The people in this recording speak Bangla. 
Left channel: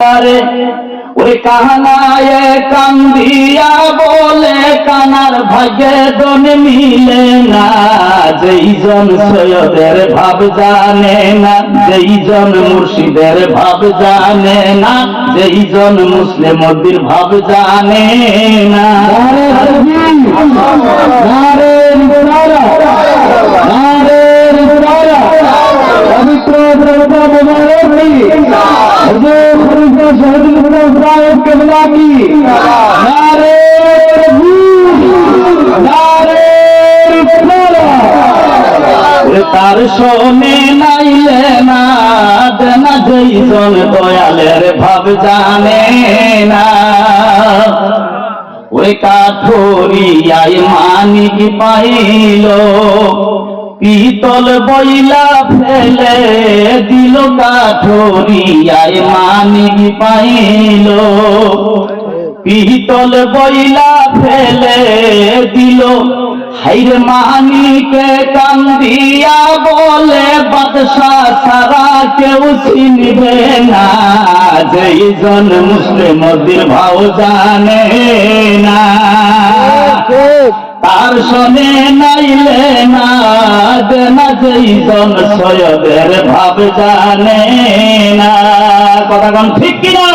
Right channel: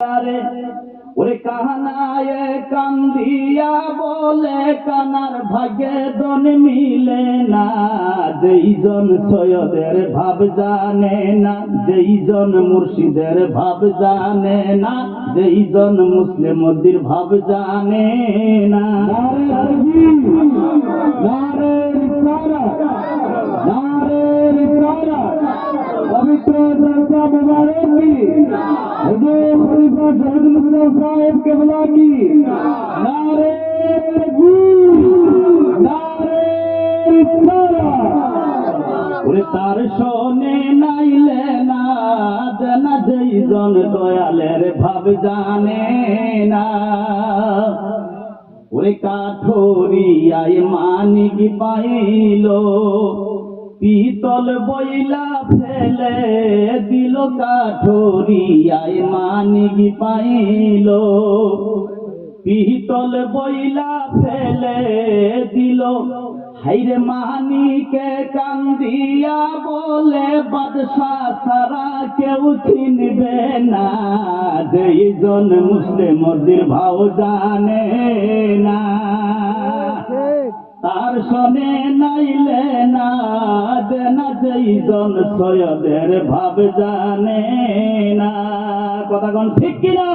ওরে কানায় কান্দিয়া বলে কানার ভাগ্যে দন মিলে না, যেই জন সৈয়দের ভাব জানে না, যেই জন মুর্শিদের ভাব জানে না, যেই জন মুসলিমদের ভাব জানে না। তার শোনে নাইলে না দেনা, যেই জন দয়ালের ভাব জানে না। ওই কাঠুরিয়ায় মানিক পাইল, পিতল বইলা ফেলে দিল, কাঠুরিয়ায় মানিক পাইল, পিতল বইলা ফেলে দিল। হাইরে মানিকে কান্দিয়া বলে বাদশাহ সারা কেউ চিনবে না, যেই জন মুসলিমদের ভাব জানে না। তার শোনে নাইলে না দেনা, যেই জন সৈয়দের ভাব জানে না। কথা কোন ঠিক কিনা?